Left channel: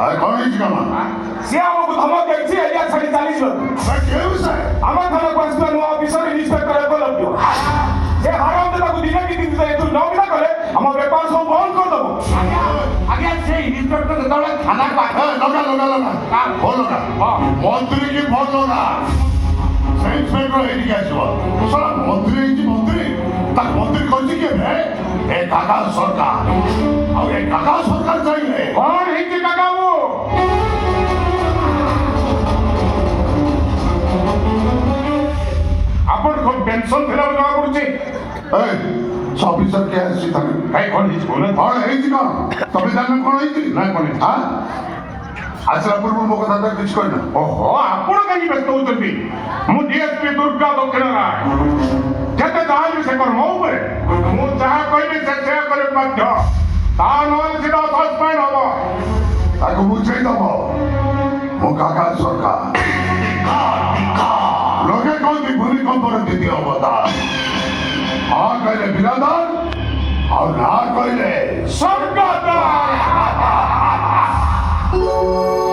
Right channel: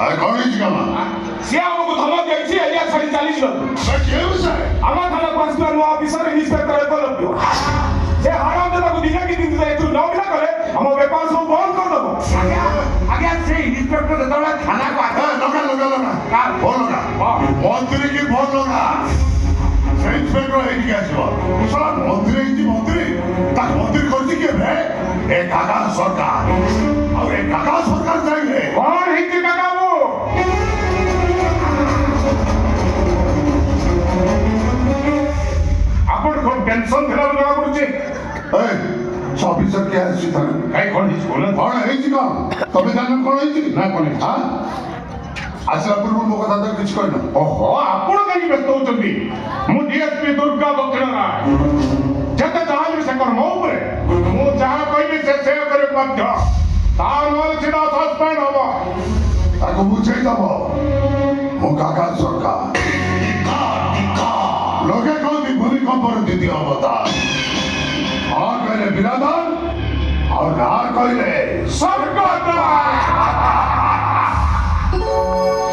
ଆରେ କଣ ହେଇଛି କାମ? ସିଏ ଆମକୁ ଧମକ ଦେଇଛି ଏରିଆ ଛାଡି ଚାଲିଯିବାକୁ। କେଉଁ ସାର୍? ଆମ ଥାନାକୁ ଆସିଥିବା ନୂଆ ଅଫିସର ଇନ୍ସପେକ୍ଟର ଏକଲବ୍ୟ। ସେ ହାରାମ ତାକୁ ଦିନେ କି ଦିନ ଏଠୁ ନ ବିଦା କଲେ ଆମ ବେପାର ସବୁ ବନ୍ଦ କରିଦେବ। ଆଜ୍ଞା ସେ ଇନ୍ସପେକ୍ଟର ଯେତେବେଳେ ଥାନାକୁ ଆସେ ଲଗା ଭଲ ଲଗା ମନ୍ତ୍ରୀ କି ଭଲ ଲଗା ସେ ଇନ୍ସପେକ୍ଟର ଏଇଠିକି ଆସିବ। ଶଳା ମନ୍ତ୍ରୀ ହେଇଛି ମନ୍ତ୍ରୀ ତା ମନ୍ତ୍ରୀ କରୁଛି କିଏ ବେ? ଏ କାକା ସରକାର। ଆଉ ଏ କାକା ସରକାର ଚାହିଁଲେ କଣ ହେଇଛି କାକା ବାବୁ? ଆପଣଙ୍କ ପେନସନ ଥିଲା ଜଣା ପଡୁଛି। ଅଫିସର କିଏ ଆସିଛି ତାଙ୍କୁ ଭାଇ କଣ ହେଇଛି କହୁନ? କଣ ହେଇଛି କଣ? ତମେ ଜାଣିନ କଣ ହେଇଛି? ନାଇଁ କଣ ହେଇଛି? ଆସିଲା ପୂର୍ବରୁ ମୋ କଥା ତ କିଛି କହିନ। ଓହୋ ଆପଣ କାହିଁକି ବ୍ୟସ୍ତ ହଉଛନ୍ତି? ମୁଁ ଡିଏସ୍ପି ଦୁର୍ଗା ଦକ୍ଷିଣ ରାୟ। ଯେତେ ଚାହିଁବି ସେ କର ମୋ ଉପରେ। ମୁଁ ଯାହା କହିବି ସେ ସେୟା କରିବି ମଧ୍ୟ। ତା ନହେଲେ ସିଧା ସସ୍ପେଣ୍ଡ ହବ। ତାକୁ ବୁଝେଇ ଦବ ମୋ କାକା ସରକାର। ଲୋକେ କହନ୍ତି ଭୂମିକମ୍ପର ଦ୍ୱିତୀୟ ଅବତାର। ହଁ କହିଲେ ବିରାଧର ଆଉ ନା କହିଲେ